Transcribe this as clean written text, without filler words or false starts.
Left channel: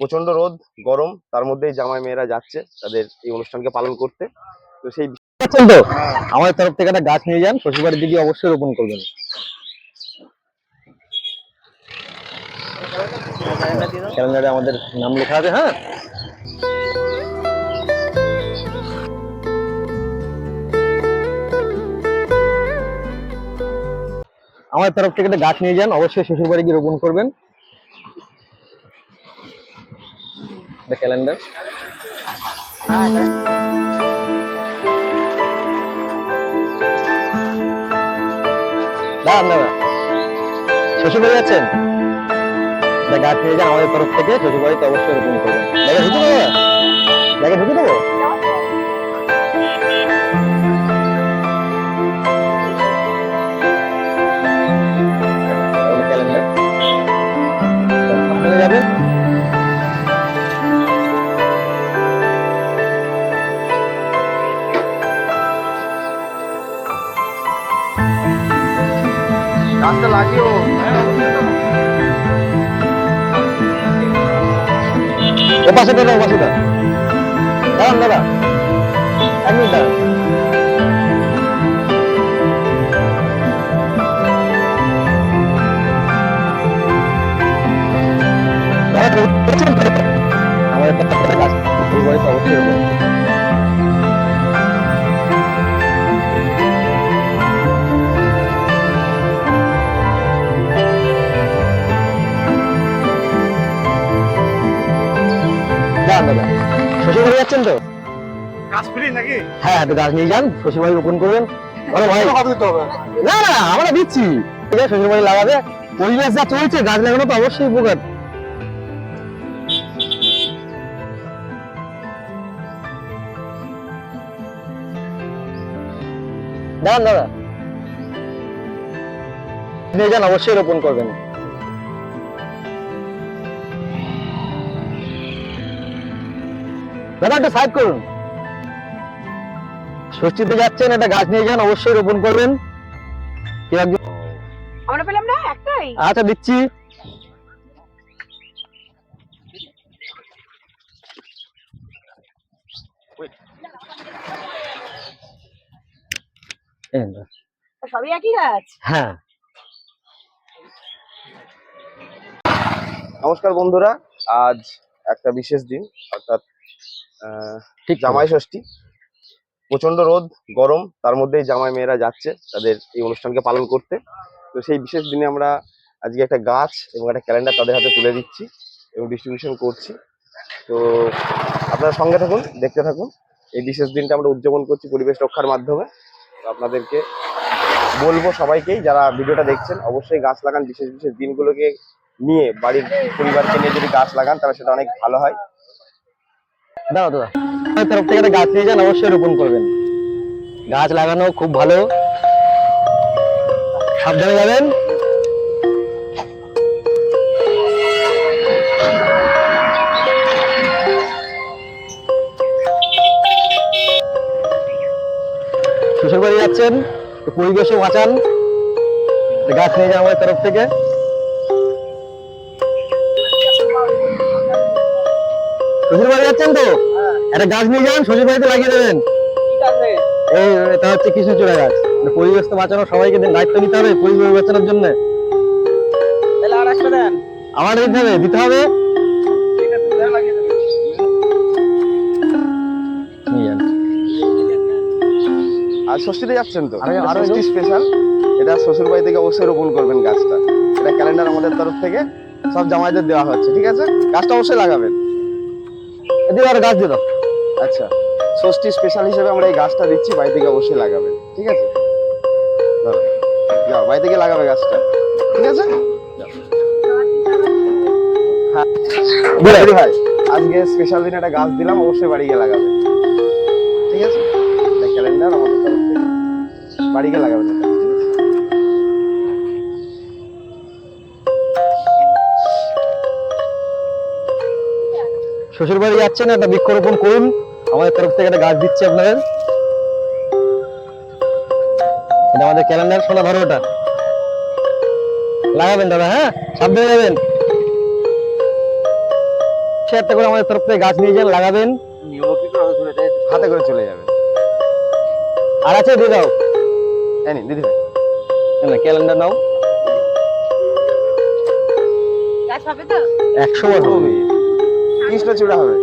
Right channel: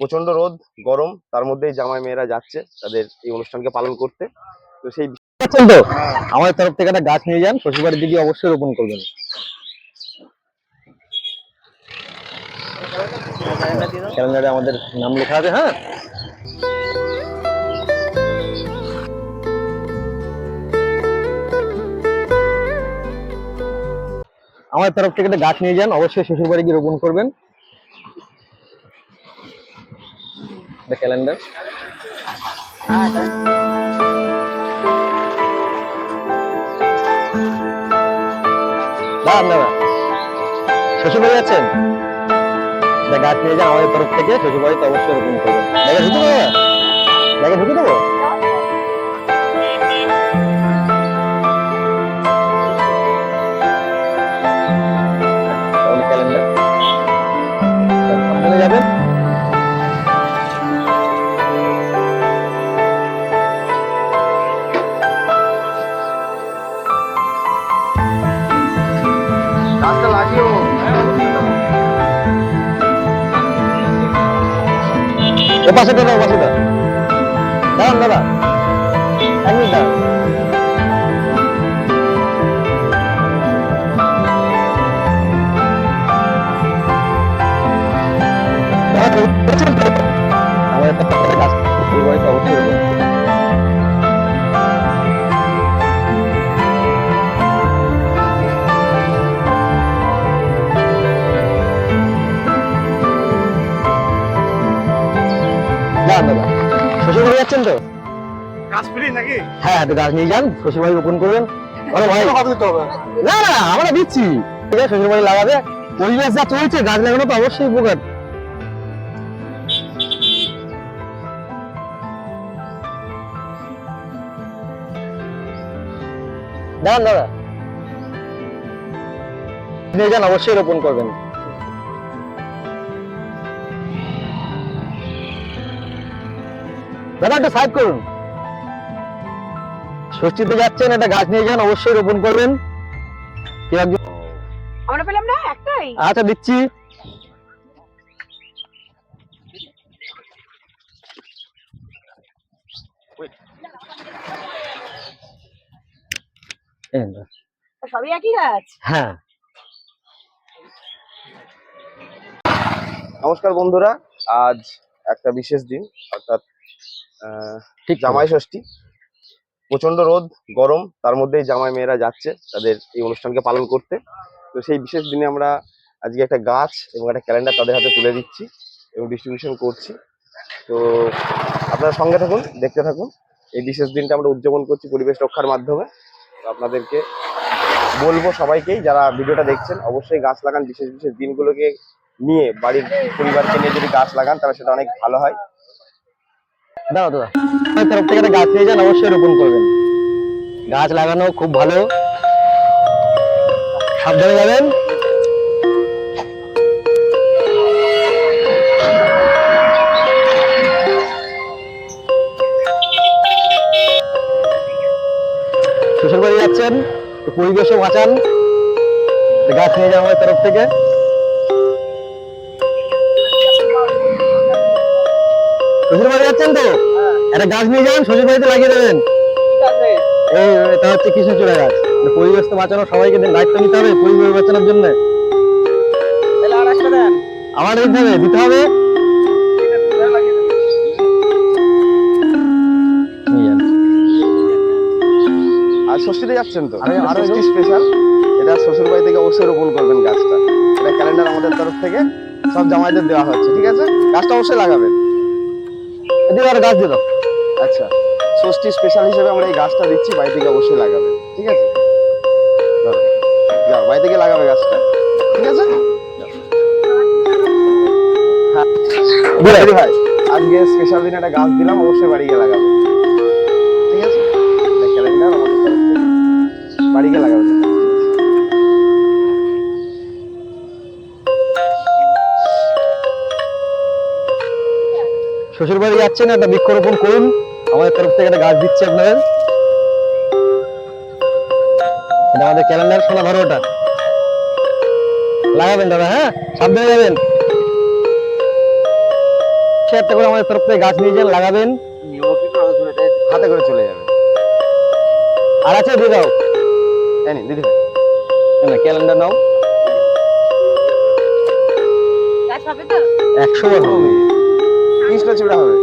প্রচন্ড রোদ গরম, তার মধ্যেই জামাই মেয়েরা যাচ্ছে তাদের এই অনুষ্ঠানকে পালন করতে। তো সেই তো আমাদের তরফ থেকে একটা গাছ নিয়ে যান, শ্বশুরবাড়ির দিকে অবশ্যই রোপণ করবেন। ক্যালেন্ডারে আমাদের নাম লেখা আছে। হ্যাঁ, আমাদের তরফ থেকে একটা গাছ নিয়ে যান, অবশ্যই শ্বশুরবাড়ি গিয়ে রোপণ করবেন। ক্যালেন্ডার দাঁড়ান দাদা, শ্বশুরবাড়ি যাচ্ছেন, গাছ নিয়ে যান আমাদের তরফ থেকে, শ্বশুরবাড়িতে অবশ্যই রোপণ করবেন। দেখে ঢুকে দেবো, দেখে ঢুকে দেবো। ক্যালেন্ডার সাবধানে যাবেন। গাছটা লাগিও। ও পাশে দাদা, ও পাশে দাদা, দাঁড়ান দাদা, এক মিনিট দাঁড়ান। আমাদের প্রত্যেকটা গাছ পরিবারিত অবশ্যই রোপণ। দাঁড়ান দাদা, শ্বশুরবাড়ি যাচ্ছেন তো? গাছ ফ্রি নাকি? হ্যাঁ, গাছ নিয়ে যান, শ্বশুরবাড়ি রোপণ করবেন। আরে ভাই, না না, আমরা দিচ্ছি, ঠিক আছে, শ্বশুরবাড়ি লাগাবে। পরিবেশ যা চলছে, গাছ লাগানো তো অবশ্যই উপকার। দাঁড়ান দাদা, নিয়ে যান, অবশ্যই রোপণ করবেন। দাদা একটা সাইড করুন, ষষ্ঠীতে যাচ্ছেন, একটা গাছ নিয়ে যান, অবশ্যই রোপণ করবেন। কি একজন আমরা পেলাম না একটাই। আচ্ছা দিচ্ছি। সবই একই গাছ। হ্যাঁ, নমস্কার বন্ধুরা, আজ একটা বিশেষ দিন, অর্থাৎ ঠিক জামাই ষষ্ঠী। প্রচন্ড রোদ গরম, তার মধ্যেই জামাই মেয়েরা যাচ্ছে তাদের এই অনুষ্ঠানকে পালন করতে। তো সেই বিশেষ দিনে আমরা আজকে একটা গাছ এবং একটা ক্যালেন্ডার তাদের হাতে তুলে দিচ্ছি এবং ডিস্ট্রিবিউশন করছি। তো আপনারা সঙ্গে থাকুন, দেখতে থাকুন। এই বিশেষ দিনটা আমরা উদযাপন করছি পরিবেশ রক্ষার মাধ্যমে। তো আপনাদেরকে বলবো, সবাইকেই যারা ভিডিওটা দেখছেন, অবশ্যই গাছ লাগান। বিশেষ বিশেষ দিনগুলোকে নিয়ে বাড়ির পরিবারকে নিয়ে যদি গাছ লাগান তাহলে সেটা অনেক ভালো হয়। দাদা দাদা, আমার তরফ থেকে একটা গাছ নিয়ে যান, অবশ্যই রোপণ করবেন। গাছ লাগানো খুব ভালো, সাবধানে যাবেন। শ্বশুর বাড়ি যাচ্ছেন, পরিবেশও বাঁচান, গাছ নিয়ে যান আমাদের তরফ থেকে। শ্বশুর বাড়ি যাচ্ছেন তো, একটা গাছ নিয়ে যান, শ্বশুর বাড়িতে লাগিয়ে দেবেন। এই এটা হচ্ছে কৃষ্ণচূড়া গাছ। পরিবেশ তো বাঁচানো, সবাইকে দায়িত্ব নিতে হবে পরিবেশ বাঁচানোর জন্য। আর একটা দেন, আমার দিতে হবে। নিয়ে যান। আর ষষ্ঠীতে যাচ্ছেন তো, আরো ষষ্ঠী স্পেশাল, এটা শ্বশুর বাড়ি থেকে অবশ্যই রোপণ করবেন গাছটা। এটা ক্যালেন্ডার আমাদের তরফ থেকে সব জামাইদের দেওয়া হচ্ছে, ঠিক আছে? গাছটা অবশ্যই লাগাবেন। এদিকে আর গাছ দিয়ে দাও। আচ্ছা, ষষ্ঠী স্পেশাল হিসেবে আমরা এই গাছটা দিচ্ছি, বাড়ি থেকে অবশ্যই লাগাবেন, ঠিক আছে? ধরো, যাও বাড়ি থেকে লাগাবে গাছটা, ঠিক আছে? হ্যাঁ ভাই, আজকে স্পেশাল দিনে একটা গাছ দিলাম, অবশ্যই বাড়ি গিয়ে লাগাবে, ঠিক আছে? এটা ক্যালেন্ডার আমাদের তরফ থেকে, বাড়ি গিয়ে লাগাবেন এটা, ঠিক আছে? শ্বশুর বাড়ি যাচ্ছেন, একটা বৃক্ষরোপণ করুন, আমাদের তরফ থেকে একটা গাছ দিচ্ছি আপনাদের। এটা আমাদের ক্যালেন্ডার, সোনা ধরো, ওটা লাগাবেন দাদা। হ্যাঁ, সাবধানে যাবেন। অবশ্যই একটা করে আমাদের তরফ থেকে গাছ নিয়ে যান, লাগাবেন। হাতে করে চলে যাবে। আর আছে দিয়ে দাও, এই নিন দিদি ভাই। না ক্যালেন্ডার নাও। গাছ হবে তো? 100 বার হবে। কৃষ্ণচূড়া হবে।